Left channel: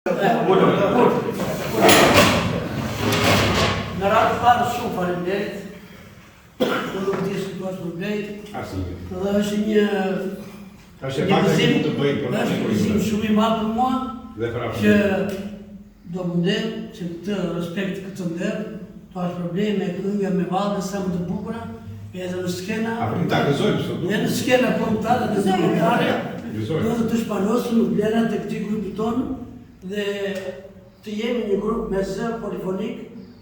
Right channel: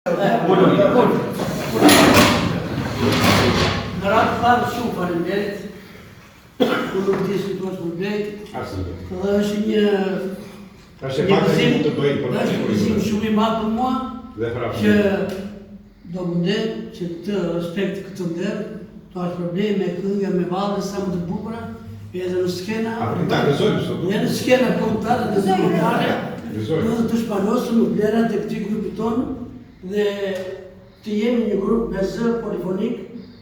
Në ratë parë shumë faleminderit, në rëti situatë problemit, dhe është një gëzim shumë i madh për mua, që do mundem që të respekt këtë ndërë, të ashtë probleme, këngë me valë, sa më të bukura, edhe në skena, në skena kontare dhe dokumentare, dhe të shpalosëm në vlerat e këti grupi tonë, dhe të jemi një grup me zë polifonik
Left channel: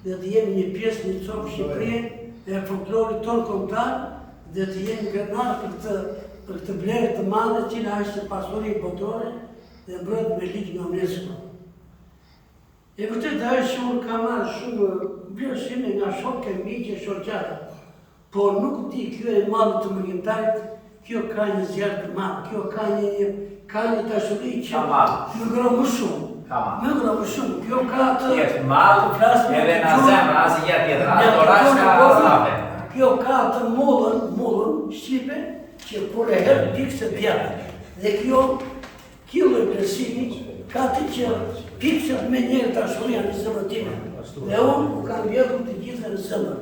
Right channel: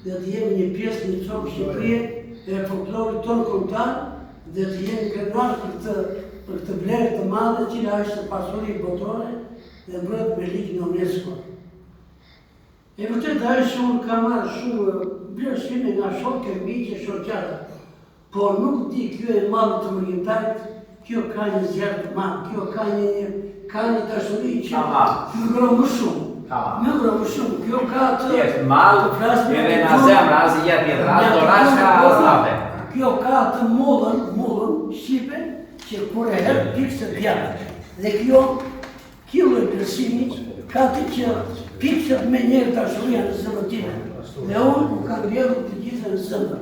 dhe të jemi një pjesë një comë Shqipërie e folklorit tonë kombëtar dhe të jemi krenar për këtë vlerë të madhe cila është pasuri botore dhe mbrojt me ligj në UNESCO. E vërtet ajo që unë kam marrë shumë vlerësime nga shokë, miqe, shoqata, por nuk di kjo e madhe të mërimtarit, kjo ka një zjarë të madhe, kjo ka një dashuri që ngro më shumë. Ngro më shumë, kjo ka të malë, edhe në zemra, asë jetë jetë, asë dorashka, asë rape. Kjo ka të mollën Shqipe, që kur e herë pikse djatë. Dhe kjo e përsimi, ka të që pikset me njerë dashuria në zemrën time. Dhe unë kam rjedhur të gjithë në zemrë.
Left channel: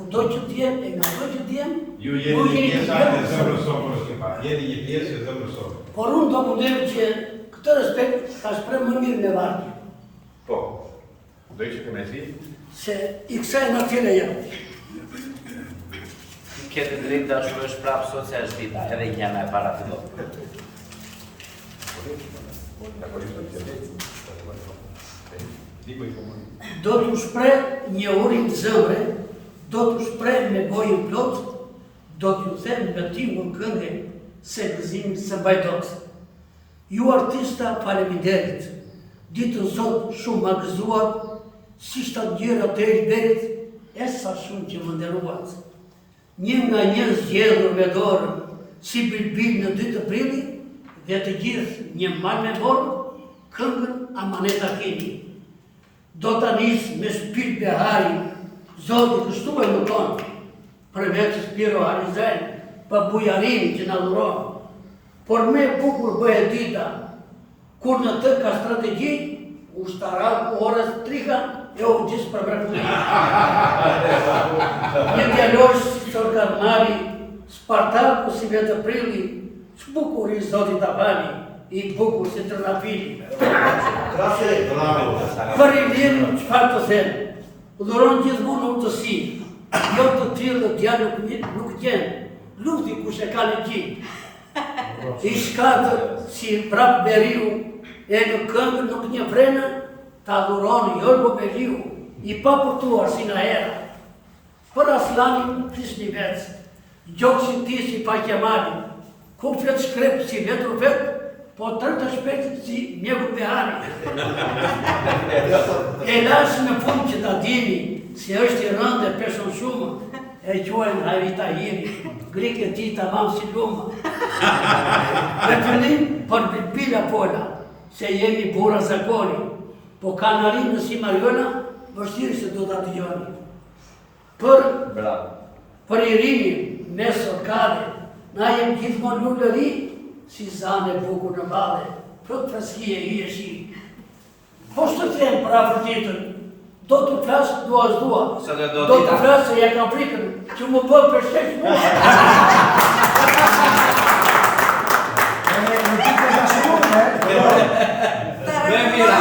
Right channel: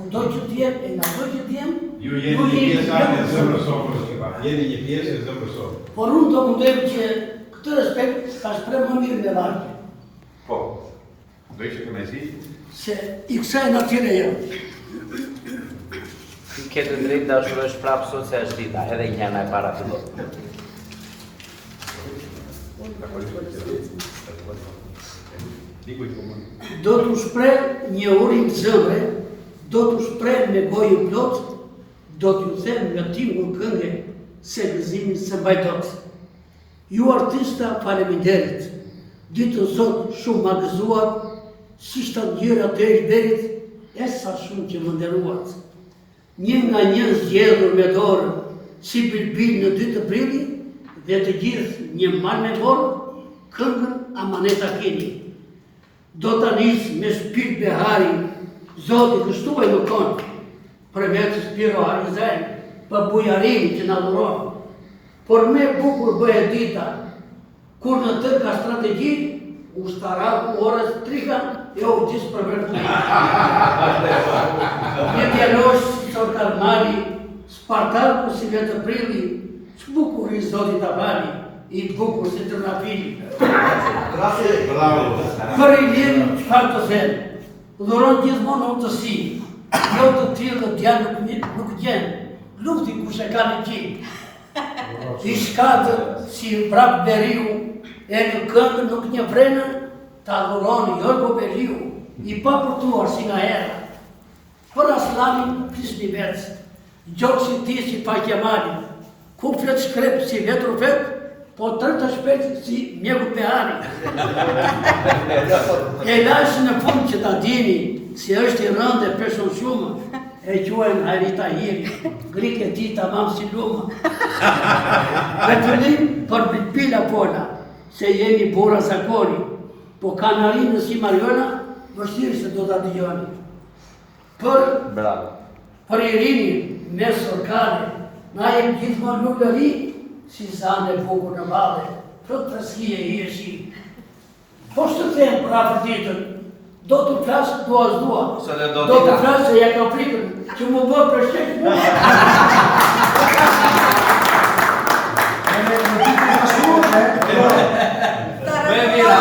Kudo që t'jem, e nga do që t'jem, ju jeni një pjesë e zemrës sonë, jeni një pjesë e zemrës sonë. Por unë do mundem që këtë respekt ta shpreh më mirë me vargje. Po, do i që kënaqësi? Se i kësaj natyre jam. Ti ke të drejtë dashurosh prapë sot se është dita, edhe i kena e para këto. Do t'u shpreh një urin të zëmre, do t'u shpreh me gojën plot, do t'ju them nga tingull këngë se gëzimin së mbajtot. Ju artista faleminderit, ditën sot shumë ma gëzuat, si shtat gjëra të berit, e sa shumë që më nderuat. Një nga një zgjedhur me dorë, si bilbil në 2 aprili, dhe të gjithë një mal me borë, këngën amaneta keni. Do të nisë me shpirt behari, Zoti kështuaj më tonë, për vetë Spiro Harizaj, për bujarini që në dhuron. Por me bukur bëhe dita, kur në tërë ka strategji, ushtaraku orës trika e o gjithë për vërtëni. Një djalosh si Sorkarnali, Spartaku si 10 aprili, s'bukur i Zotit Avali, i bukur si Trnafili. Për i lirin qëfar të thënë, dhuron gjithmonë në utësi, jo të tillë dhe t'ja nuk gjenë, lufti kush e ka në gjinë. I shkatë si vrap beriu, e në këngën nuk një vrena, ta dhuroni Jorgo Beliu, i papërtuar si nga hera. Për Aslanin Krisni Verc, gjokësin ti si pa Kemali, kuflet shkrep si vetru vet, po tërta shpet si mjeku Behari. E lash në fund që ta dini, si është i rëndë e peshon shumë, e quajnë Hajrita Hiri, grike ti të mamë si luma. Në fillim për bilpila pola, se jemi bura zakoni, po kanarinë si Mariona, vështirë se do të dëgjoni. Për i rini, me sorkare, na jem gjithmonë lullëri, si zane bukur në bale, plot freskije i e shi. Po shtë të them për afër tjetër, do të flasë dua s'dua, do të flasë se ja ka frikën, që më bërë për shek mua. Mira,